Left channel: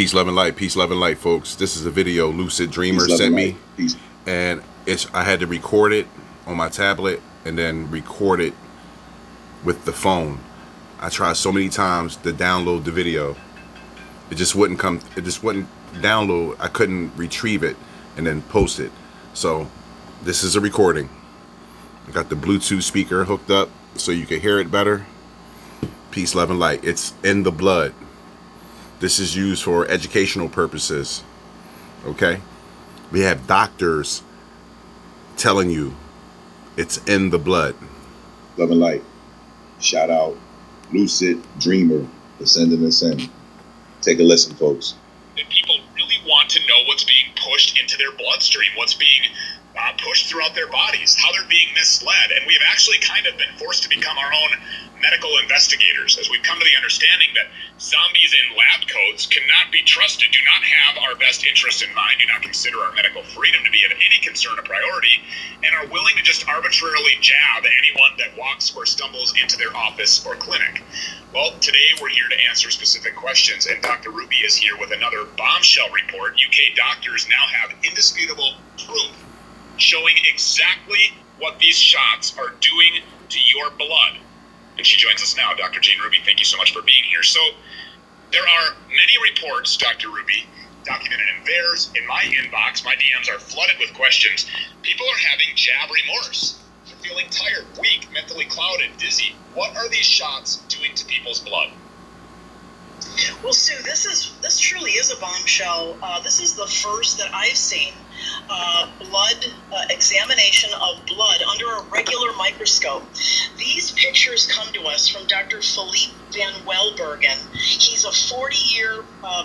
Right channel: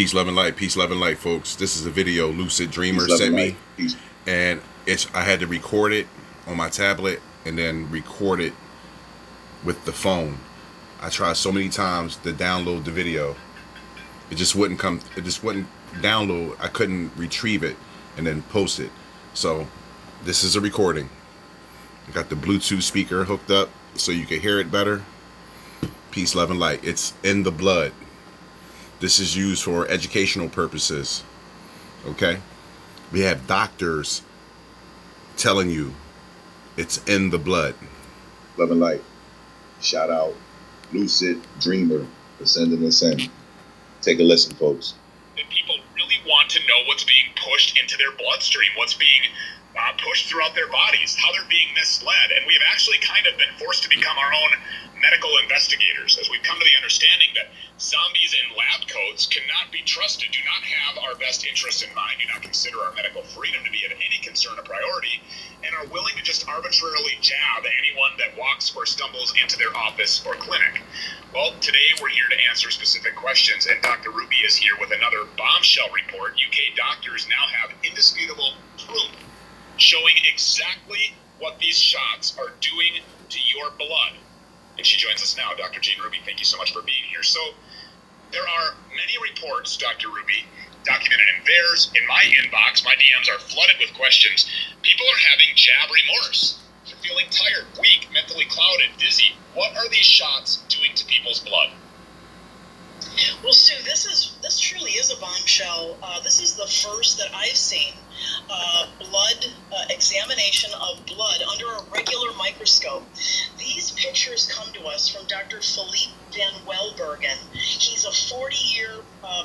Peace, love, and light. Peace, love, and light, folks. This is a video Lucid Dreamer sent me, and I had to record it on my tablet and then record it with the phone. I tried so many times to download the video. It just wouldn't come. It just wouldn't download. I couldn't retrieve it and then post it. So this is a recording. I got the Bluetooth speaker hooked up so you can hear it better. Peace, love, and light. It's in the blood. This is used for educational purposes. Okay? We have doctors telling you it's in the blood. Love and light. Shout out Lucid Dreamer for sending this in. Take a listen, folks. And people really want to know what's being pushed into their bloodstream, what's being pushed throughout their bodies, how they're being misled. And we've actually kind of been forced to become our own medical investigators, as we've come to the understanding that zombies in lab coats cannot be trusted, do not have our best interests in mind, do not consider our medical freedom to be of any concern or priority, and are willing to just arbitrarily jab anyone that walks or stumbles into their office or clinic. Well, today we're here to answer specific questions, and Dr. Ruby is here with another bombshell report. UK doctors now have indisputable proof showing exactly what these shots are doing to your blood. And she joins us now. Dr. Jane Ruby, thank you so much for being here. So there are many reports, Dr. Ruby, documented in theirs, in my inbox. My DMs are flooded with questions. People are having jab remorse. They're feeling tired, weak, mentally clouded, dizzy. What are these shots doing to people's blood? Well, Sue, this truly is a bombshell. This is the first that I've seen blood examination of blood under a regular microscope. These pictures come to us from Dr. Philippe Van Welbergen. He's a 40-year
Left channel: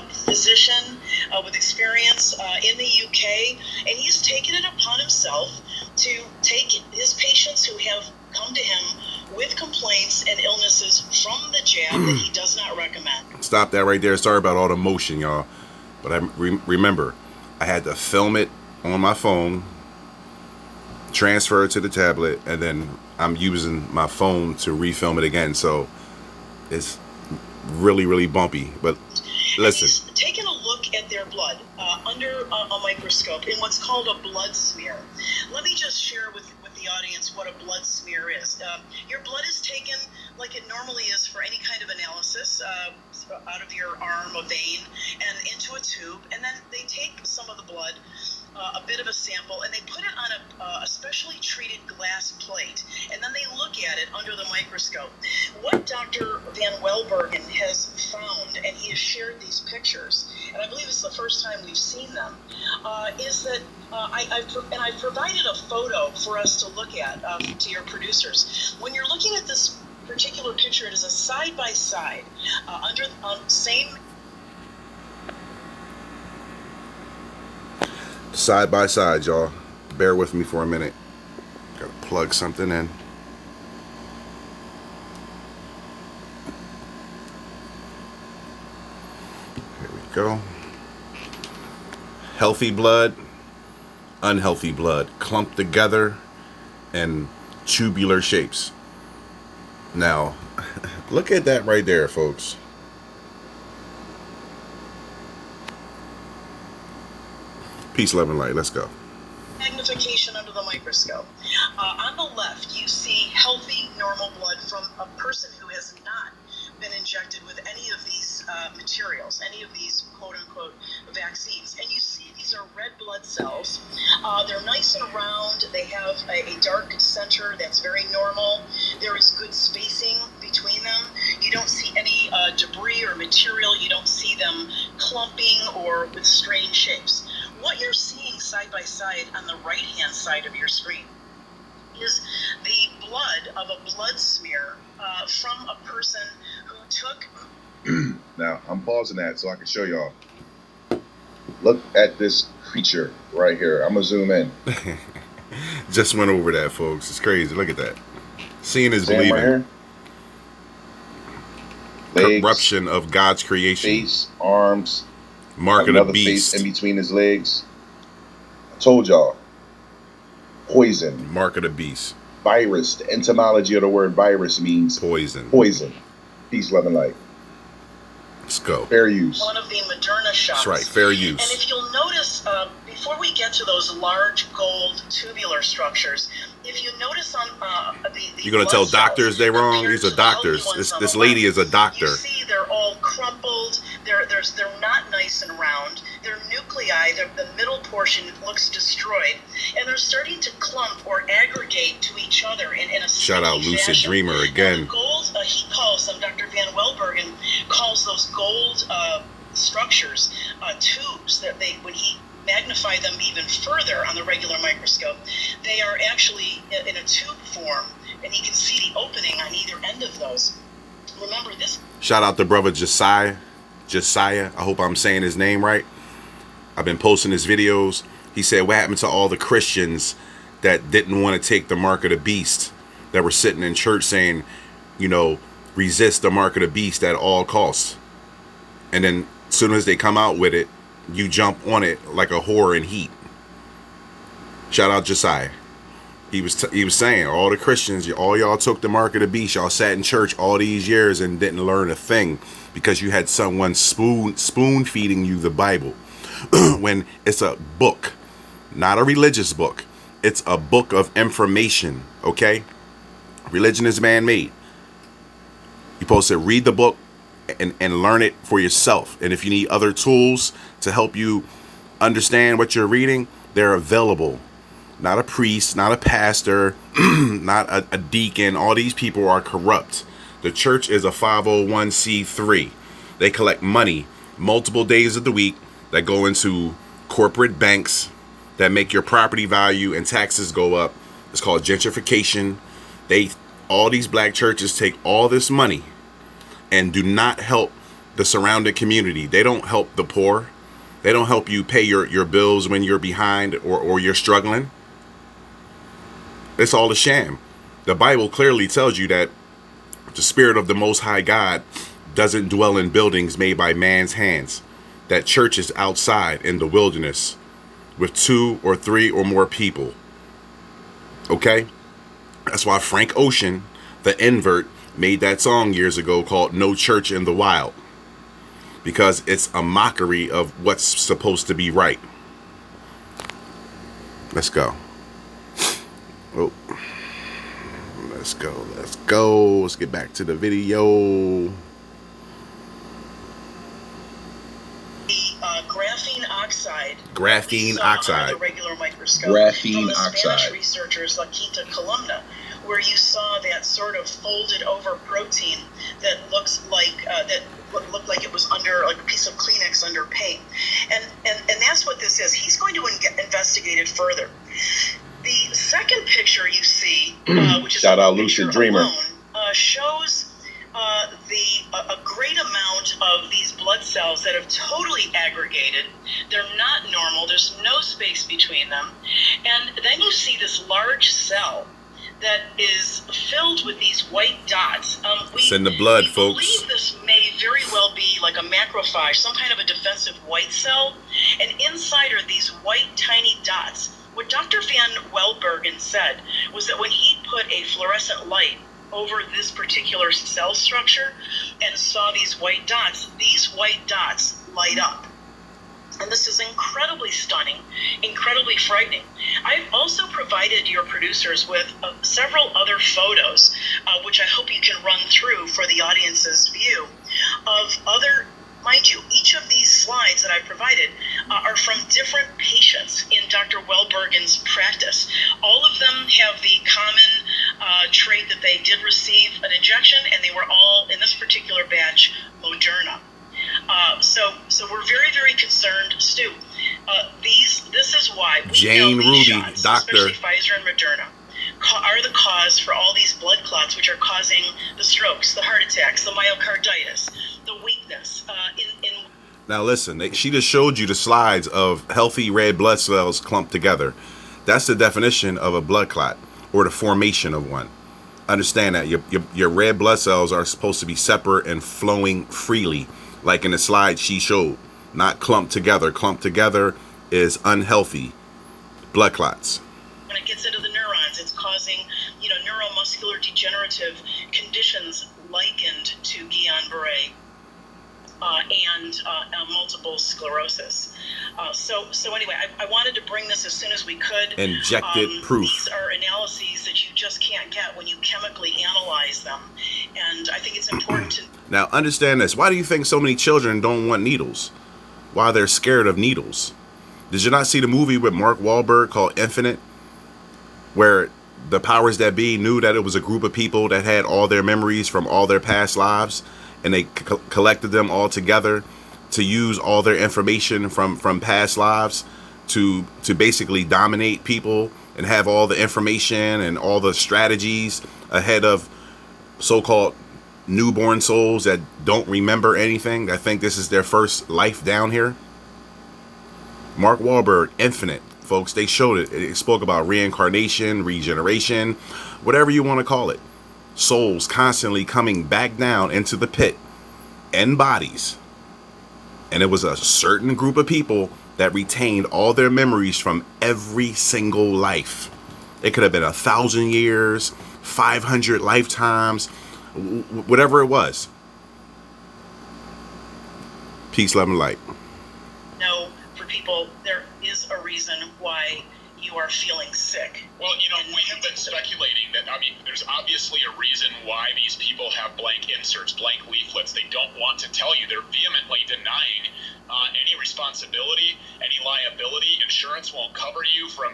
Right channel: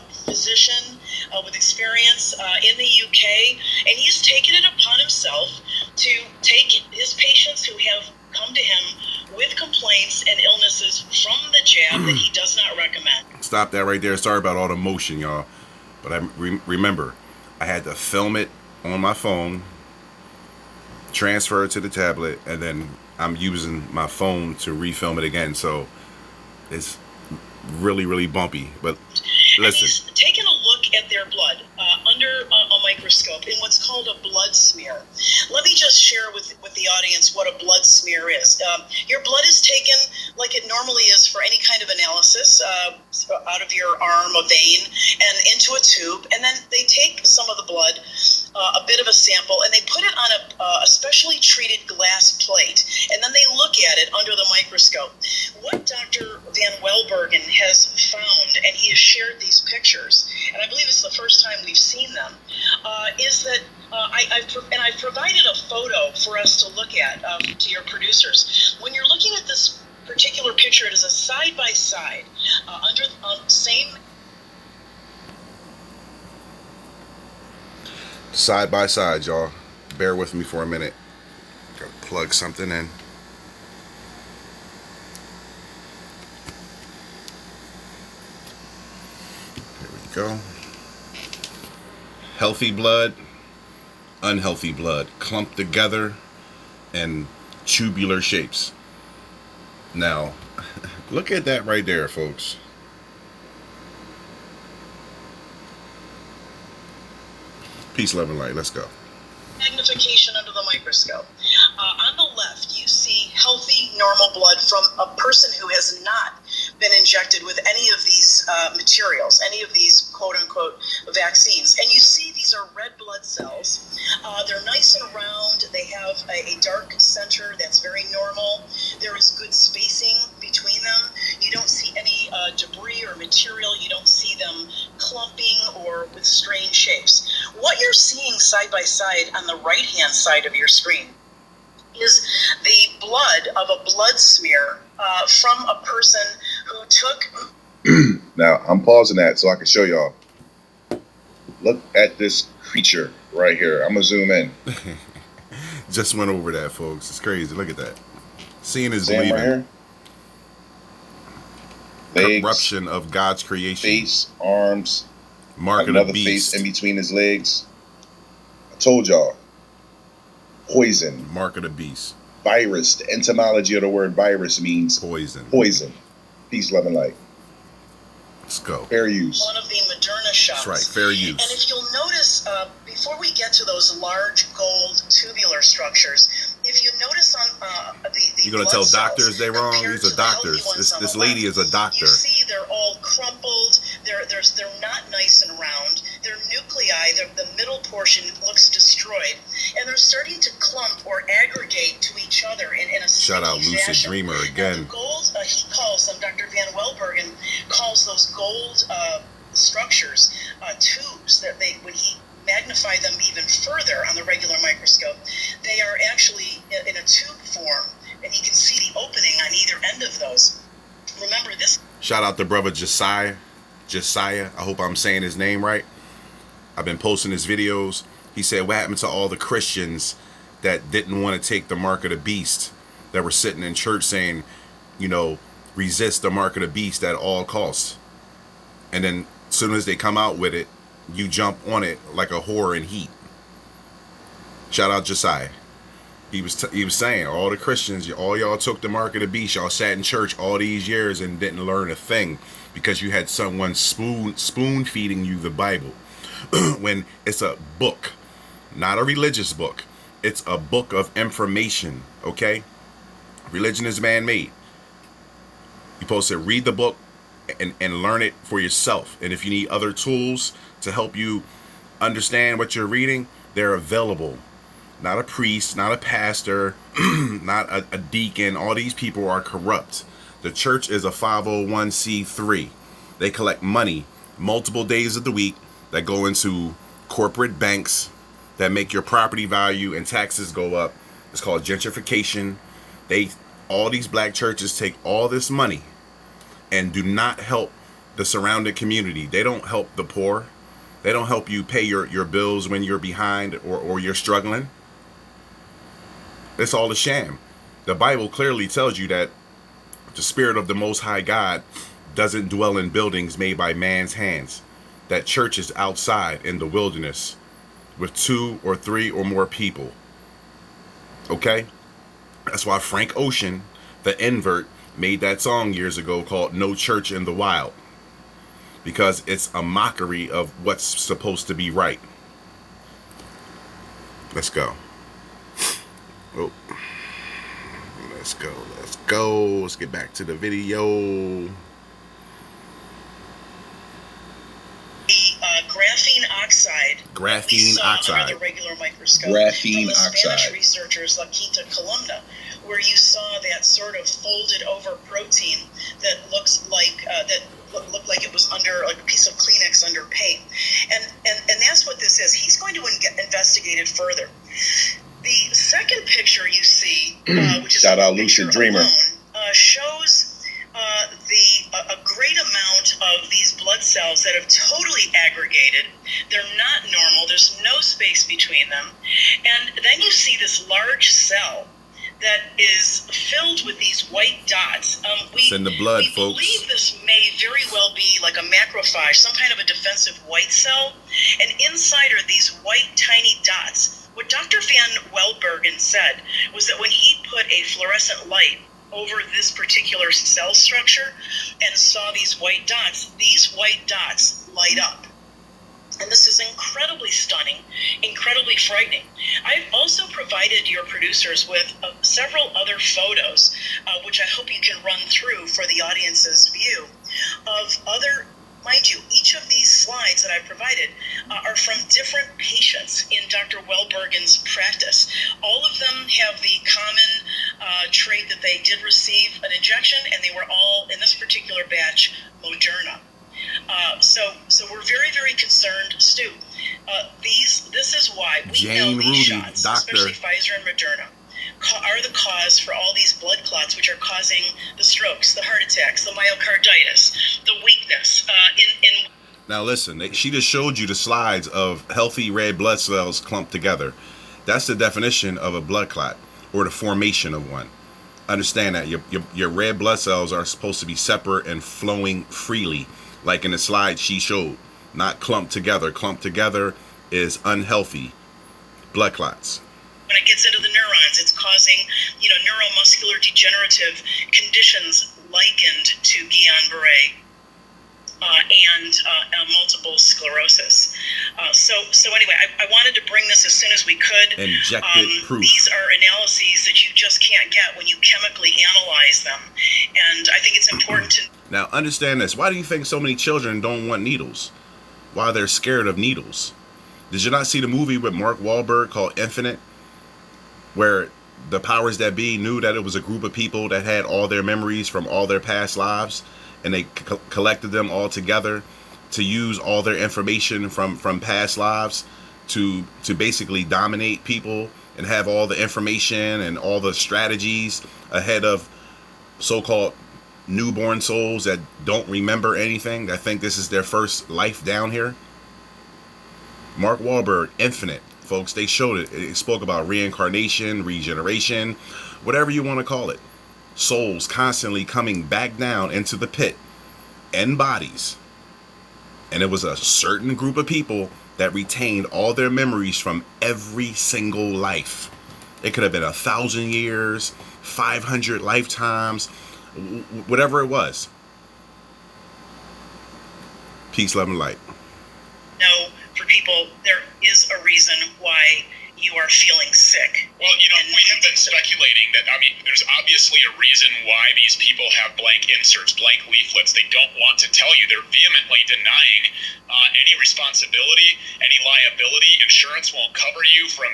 physician with experience in the UK, and he's taken it upon himself to take his patients who have come to him with complaints and illnesses from the jab that he does not recommend. Stop that right there. Sorry about all the motion, y'all. But I remember, I had to film it on my phone, transfer it to the tablet, and then I'm using my phone to refilm it again. So it's really, really bumpy. But listen. And he's taken a look at their blood under a microscope in what's called a blood smear. Let me just share with the audience what a blood smear is. Your blood is taken like it normally is for any kind of analysis, out of your arm, a vein, and into a tube, and then they take some of the blood, a bit of a sample, and they put it on a specially treated glass plate, and then they look at it under the microscope. What Dr. Van Welbergen has found, and he has shared these pictures, and I believe it's the first time we've seen them, is that I've provided a photo for us to look at to your producers. When you're looking at this particular picture, it is a side-by-side under same. Side by side, y'all. Bear with me for a minute. Gotta plug something in. Here we go. Healthy blood, unhealthy blood, clumped together in tubular shapes. Now, look at that right there, folks. Peace, love, and light. Let's go. Magnification under the microscope. On the left, you see healthy, normal blood from a person who has not been injected with any of these materials, any of these quote-unquote vaccines. And you see these are red blood cells. They're nice and round. They have a dark center that's very normal. There is good spacing between them. You don't see any debris or material. You don't see them clumping or with strange shapes. What you're seeing side by side on the right-hand side of your screen is the blood of a blood smear from a person who took... Now, I'm pausing that so I can show y'all. Look at this creature right here. I'm going to zoom in. Just went over that, folks. It's crazy. Look at that. Seeing is Right believing. here. Legs, corruption of God's creation. face, arms, Mark of the beast. face in between his legs. I told y'all. Poison. Mark of the beast. Virus. The etymology of the word virus means poison. Poison. Peace, love, and light. Let's go. Fair use. One of the Moderna shots. That's right, fair use. And if you'll notice, before we get to those large gold tubular structures, if you notice on the you're gonna tell doctors they wrong? These are doctors. This lady is a doctor. You see, they're all crumpled. They're not nice and round. Their nuclei, the middle portion looks destroyed, and they're starting to clump or aggregate to each other in a shout out Lucid fashion. Dreamer again. The gold, he calls them. Dr. Van Welbergen calls those gold structures tubes that when he magnify them even further on the regular microscope, they are actually in a tube form, and you can see the opening on either end of those. Remember this. Shout out to brother Josiah. I hope I'm saying his name right. I've been posting his videos. He said, what happened to all the Christians that didn't want to take the mark of the beast, that were sitting in church saying, you know, resist the mark of the beast at all costs? And then as soon as they come out with it, you jump on it like a whore in heat. Shout out Josiah. He was saying, all the Christians, all y'all took the mark of the beast. Y'all sat in church all these years and didn't learn a thing because you had someone spoon feeding you the Bible. When it's a book, not a religious book. It's a book of information, okay? Religion is man-made. You're supposed to read the book and learn it for yourself. And if you need other tools to help you understand what you're reading, they're available. Not a priest, not a pastor, not a deacon. All these people are corrupt. The church is a 501c3. They collect money multiple days of the week that go into corporate banks that make your property value and taxes go up. It's called gentrification. All these black churches take all this money and do not help the surrounding community. They don't help the poor. They don't help you pay your bills when you're behind or you're struggling. It's all a sham. The Bible clearly tells you that the Spirit of the Most High God doesn't dwell in buildings made by man's hands. That church is outside in the wilderness with 2 or 3 or more people. Okay? That's why Frank Ocean, the invert, made that song years ago called No Church in the Wild. Because it's a mockery of what's supposed to be right. Let's go. Oh. Let's go. Let's get back to the video. Graphene oxide. Graphene oxide. Under the regular microscope. Graphene from the oxide. Spanish researchers La Quinta Columna, where you saw that sort of folded over protein that looks like looked like it was under a piece of Kleenex under paint, and that's what this is. He's going to investigate it further. The second picture you see, which is shout out Lucid Dreamer, alone, shows a great amount of these blood cells that have totally aggregated. They're not normal. There's no space between them. And then you see this large cell that is filled with these white dots. It's in the blood, folks. We believe this may very well be like a macrophage, some kind of a defensive white cell. And inside are these white tiny dots. What Dr. Van Welbergen said was that when he put a fluorescent light over this particular cell structure and saw these white dots light up. And this is incredibly stunning, incredibly frightening. I've also provided your producers with several other photos, which I hope you can run through for the audience's view, of other, mind you, each of these slides that I provided are from different patients in Dr. Welbergen's practice. All of them have the common trait that they did receive an injection, and they were all, in this particular batch, Moderna. So we're very, very concerned, Stu. This is why we Jane know these Ruby, shots, doctor, especially Pfizer and Moderna, are the cause for all these blood clots, which are causing the strokes, the heart attacks, the myocarditis, the weakness. Now listen, she just showed you the slides of healthy red blood cells clumped together. That's the definition of a blood clot, or the formation of one. Understand that your red blood cells are supposed to be separate and flowing freely, like in the slide she showed, not clumped together. Clumped together is unhealthy blood clots. When it gets into the neurons, it's causing, neuromuscular degenerative conditions likened to Guillain-Barré. and multiple sclerosis. So anyway, I wanted to bring this as soon as we could. Injected proof. These are analyses that you just can't get when you chemically analyze them, and I think it's important to. Now understand this. Why do you think so many children don't want needles? Why they're scared of needles? Did you not see the movie with Mark Wahlberg called Infinite, where the powers that be knew that it was a group of people that had all their memories from all their past lives, and they collected them all together to use all their information from past lives to basically dominate people and have all the information and all the strategies ahead of so-called newborn souls that don't remember anything, that think this is their first life down here? Mark Wahlberg, Infinite, folks, they showed it. It spoke about reincarnation, regeneration, whatever you want to call it. Souls constantly coming back down into the pit in bodies. And it was a certain group of people that retained all their memories from every single life. It could have been 1,000 years, 500 lifetimes, whatever it was. Peace, love, and light. No, for people, there is a reason why you are feeling sick. Well, we have been speculating that, there's obviously a reason why these people have blank inserts, blank leaflets. They don't want to tell you. They're vehemently denying any responsibility, any liability. Insurance won't cover you from,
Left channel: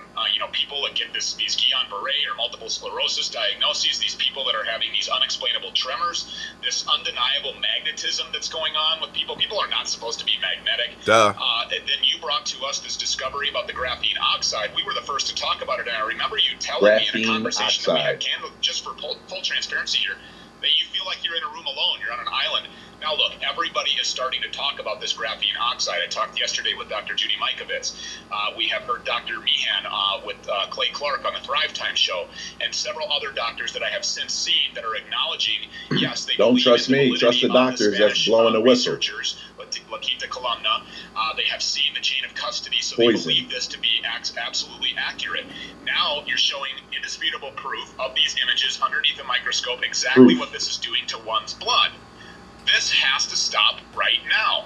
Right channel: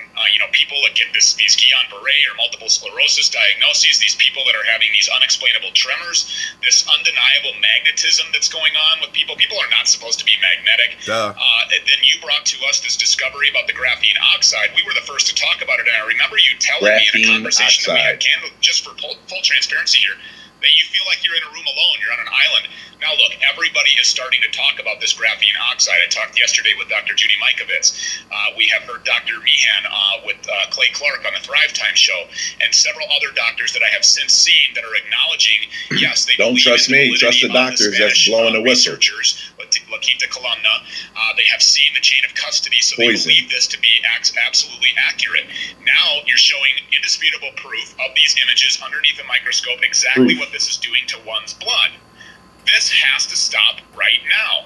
people that get these Guillain-Barré or multiple sclerosis diagnoses, these people that are having these unexplainable tremors, this undeniable magnetism that's going on with people. People are not supposed to be magnetic. Duh. Then you brought to us this discovery about the graphene oxide. We were the first to talk about it, and I remember you telling me in a conversation that we had, just for full transparency here, that you feel like you're in a room alone, you're on an island. Now look, everybody is starting to talk about this graphene oxide. I talked yesterday with Dr. Judy Mikovits. We have heard Dr. Meehan with Clay Clark on the Thrive Time show, and several other doctors that I have since seen that are acknowledging, yes, they don't trust me, trust the doctors that's blowing the whistle. Lakita Columna, they have seen the chain of custody, so they believe this to be absolutely accurate. Now you're showing indisputable proof of these images underneath a microscope, exactly what this is doing to one's blood. This has to stop right now.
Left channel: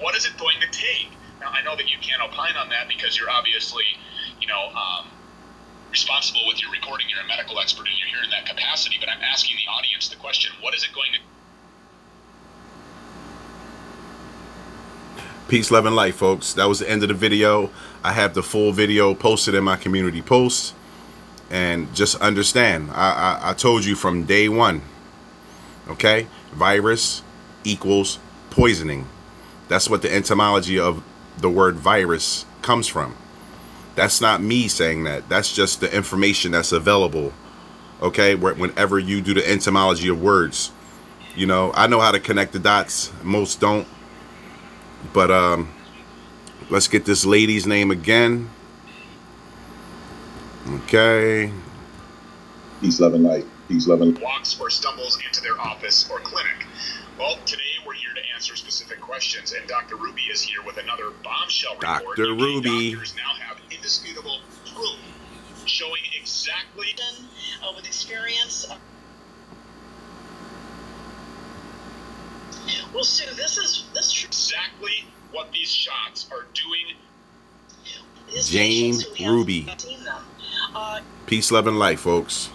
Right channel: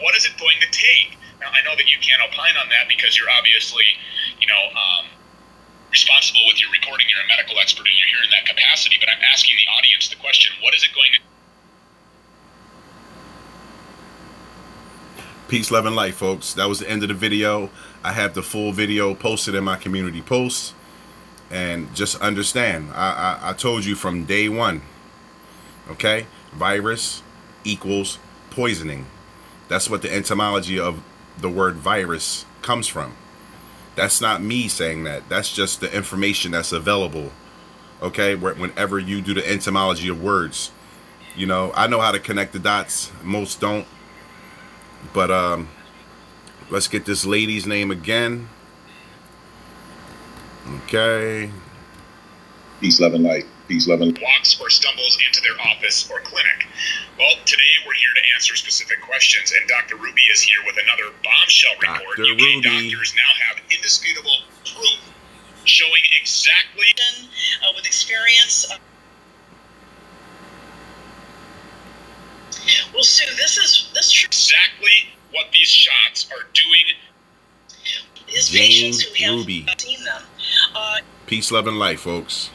What is it going to take? Now, I know that you can't opine on that because you're obviously, responsible with your recording. You're a medical expert and you're here in that capacity, but I'm asking the audience the question, what is it going to Peace, love, and light, folks. That was the end of the video. I have the full video posted in my community post. And just understand, I told you from day one, okay? Virus equals poisoning. That's what the etymology of the word virus comes from. That's not me saying that. That's just the information that's available, okay? Whenever you do the etymology of words. I know how to connect the dots. Most don't. But let's get this lady's name again. Okay. Peace, love, and light. Peace, love, and light. Walks or stumbles into their office or clinic. Well, today we're here to answer specific questions, and Dr. Ruby is here with another bombshell report. Dr. Ruby. Doctors now have indisputable proof showing exactly with experience. Well, Sue, this is exactly what these shots are doing. Jane Ruby. Peace, love, and light, folks.